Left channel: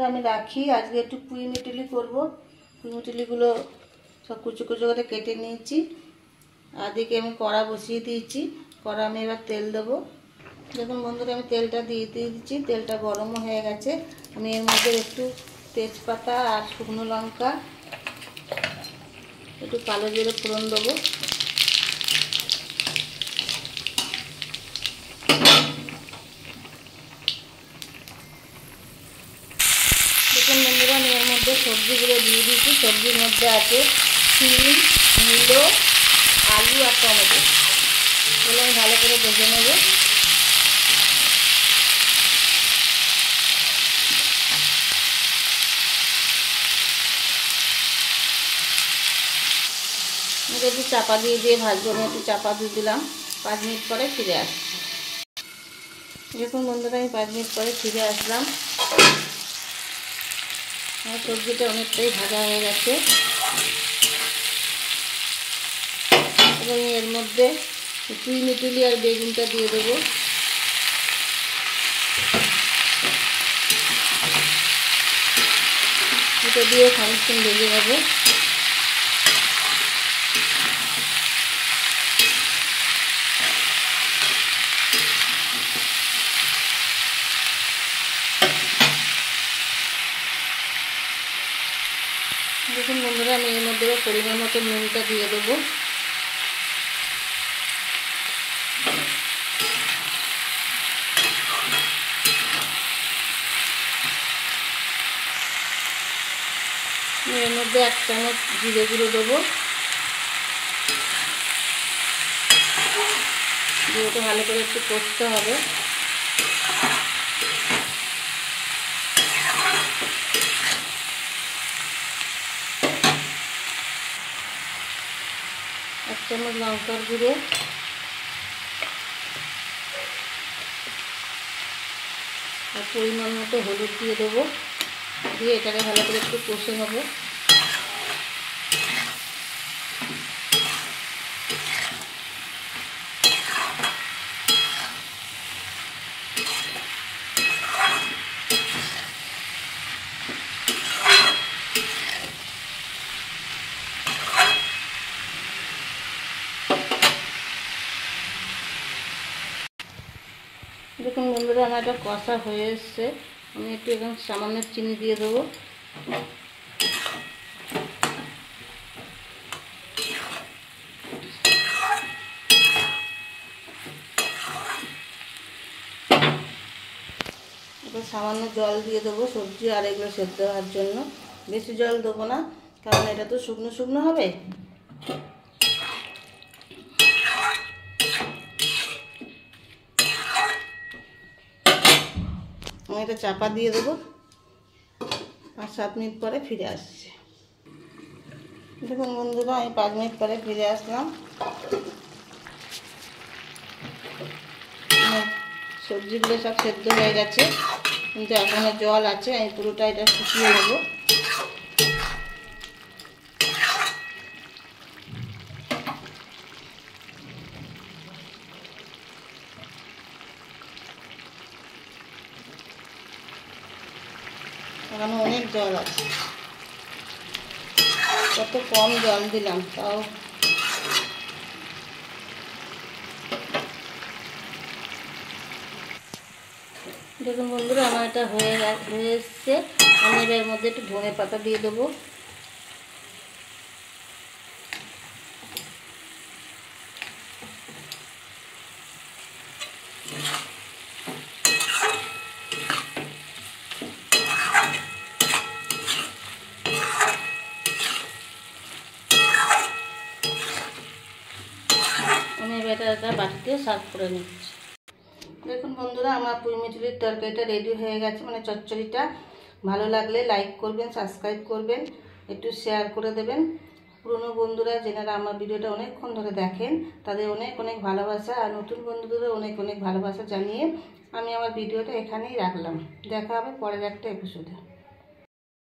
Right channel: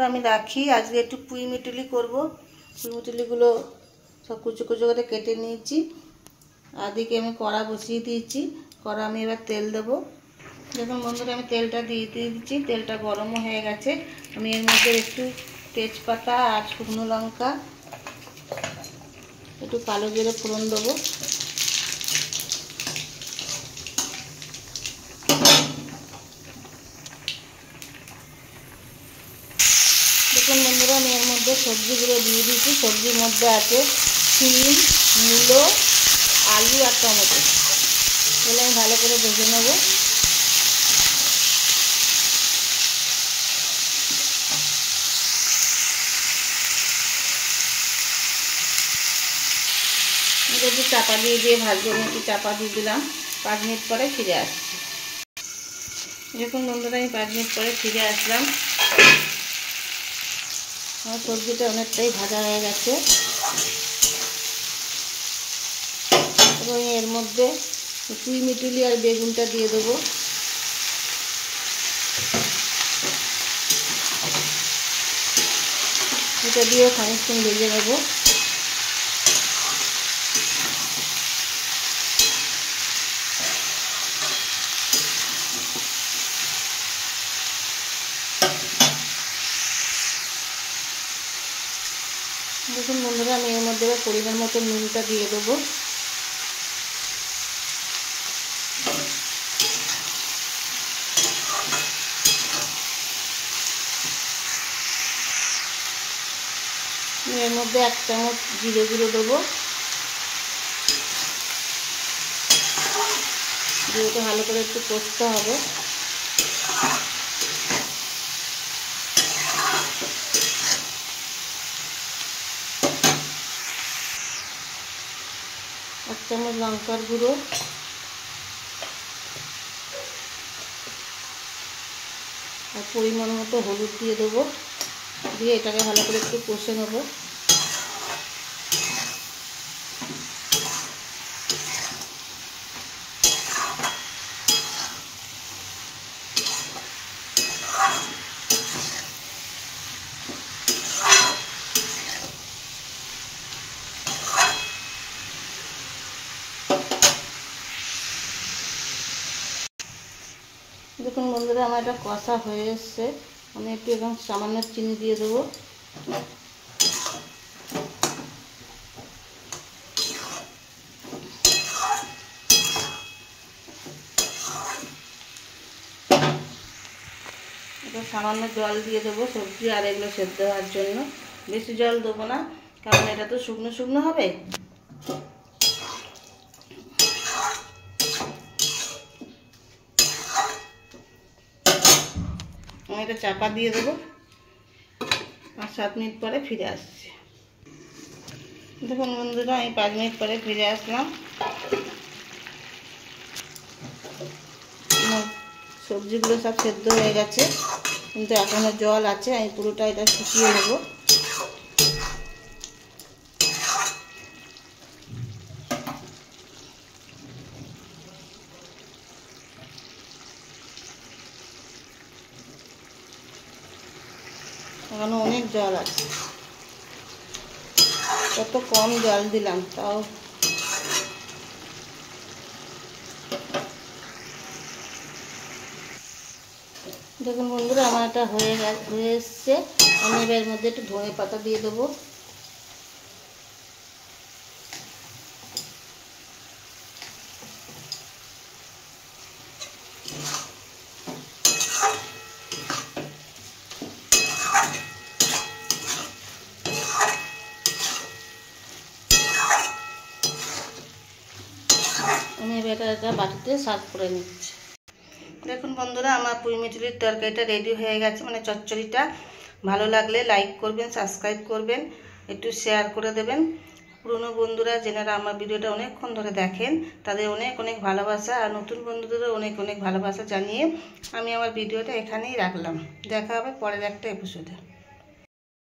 বন্ধুরা আমি রাখি। আজকে একটু পুঁই মিটুলি করব। পুঁই মিটুলিগুলো সব কুচো কুচো করে কেটে নিয়েছি। আর দিকে আমি কড়া বসিয়ে দিয়েছি। কড়া আমি এবার তেল দেবো। দেখুন বন্ধুরা আমি তেলটা দিয়ে দিয়েছি। তেলটা গরমও হয়ে গেছে। আমি এর মধ্যে একটু তেজপাতা আর শুকনো লঙ্কা, একটু কালো জিরে ফোড়ন দেবো। দেখুন বন্ধুরা আমি এর মধ্যে সবজিগুলো দিয়ে দিয়েছি। সবজির মধ্যে আছে শিম, মূলো, আলু আর টমেটো। এগুলো আমি ভালো করে ভেজে নেব। একটু চাপা দিয়ে ভাজবো। আমি একটু চাপা দিয়ে দিলাম। 5 মিনিট পরে ফিরে আসছি। দেখুন বন্ধুরা আমি 5 মিনিট পরে ফিরে আসলাম। আমার সবজিটা অনেকটাই ভাজা হয়ে গেছে। এবং এর মধ্যে পুঁই মিটুলি আর বেগুনটা দিয়ে দেবো। এটা দিয়ে খানিকক্ষণ ভেজে নেবো। দেখুন বন্ধুরা আমি এর মধ্যে পরিমাণ মতো নুনটা দিয়ে দেবো। এর মধ্যে 1 চামচ জিরে গুঁড়ো দেবো। জিরেটা ভালো করে একটু কষতে হবে। এক চামচ লঙ্কার গুঁড়ো, আর পরিমাণ মতো হলুদ দিয়ে দেবো। দিয়ে এটাকে ভালো করে একটু কষে নেব। দেখুন বন্ধুরা আমার এটা কষা হয়ে এসছে। আমি একটু এখন সামান্য চিনি দিয়ে দেবো। এটা সামান্য জল দিয়ে দেবো সবজি আর এগুলো সেদ্ধ হওয়ার জন্য। বেশি জল দেবো না, কারণ এটা তো শুকনো শুকনো হবে। আমি এটা চাপা দিয়ে দেবো। 5-7 মিনিট পরে ফিরে আসছি। দেখুন বন্ধুরা আমি 5 মিনিট পরে ফিরে আসলাম। সবজিগুলো সব সেদ্ধ হয়ে গেছে, কিন্তু এখনও জল আছে। আমি পুরোটা এটা শুকিয়ে নেব। এখনো অনেক জল আছে। কত কম জল দিলাম তাও। দেখুন বন্ধুরা আমার এটা হয়ে এসছে। আমি এর মধ্যে একটু ধনে পাতা দিয়ে দেবো। আমি এবার এটা বাটিতে সার্ভ করে নিচ্ছি। দেখুন বন্ধুরা আমার পুঁই মিটুলির তরকারিটা রেডি হয়ে গেছে, মানে চচ্চড়িটা। ভালো লাগলে লাইক করবেন, সাবস্ক্রাইব করবেন, একটু শেয়ার করে দেবেন। পুরনো বন্ধুরা যেনারা আমার ভিডিওটা অনেকক্ষণ ধরে দেখেন তাদের অনেক অনেক ভালোবাসা, আর নতুন বন্ধুদেরও অনেক অনেক ভালোবাসা জানিয়ে আমি আমার ভিডিওটা এখানেই রাখলাম। দেখা হবে পরের একটা এপিসোডে।